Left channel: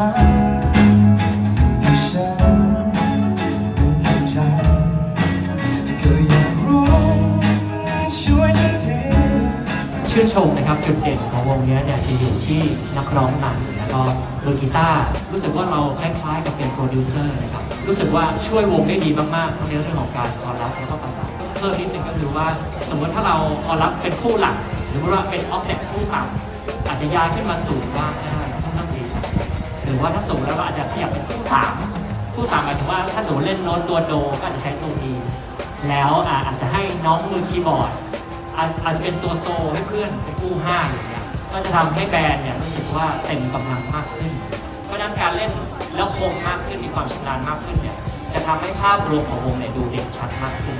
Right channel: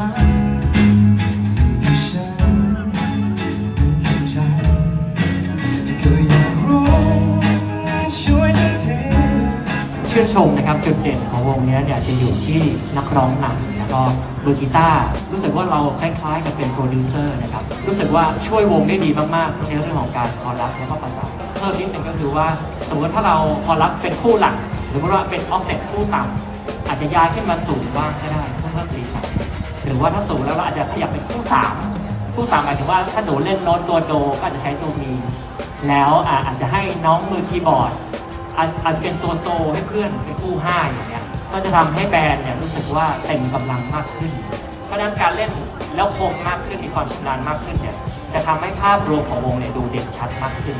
ชื่อชมนะครับจุดเด่นของวงนี้เนี่ยจะอยู่ที่นักร้องนำแล้วก็มืกีตาร์รู้สึกว่าเราคล้ายๆกับเป็นโปรดิวเซอร์นะครับรู้สึกว่าช่วยวงได้ดีมากๆในเรื่องของการคอรัสแล้วก็ประสานเพิ่มนิดนึงก็คือว่า สมมติถ้าเราคอรัสเป็นคู่หลัก หรือว่าเป็นออฟเซ็ตคู่ต่างอาจจะย้ายขึ้นมาสูงมากนะ รือว่าถ้าสูงแล้วก็อาจจะขยับเป็นคู่สามคู่สามหมายถึงว่าถ้าหนูเล่นโน้ตตัวโดก็อาจจะใช้ตัวมีแล้วอาจจะให้น้องมือคีย์บอร์ดอาจจะเป็นตัวโซให้เพื่อนเป็นคู่ห้าอย่างเงี้ยก็จะทำให้แบรนด์เนี่ยรู้สึกว่าเต็มกำลังมากขึ้น เพราะนั้นการเล่นแล้วคมมากขึ้นมีความชำนาญมากขึ้นเนี่ยจะทำให้ภาพรวมของวงเนี่ยดูเด่นชัดมากขึ้น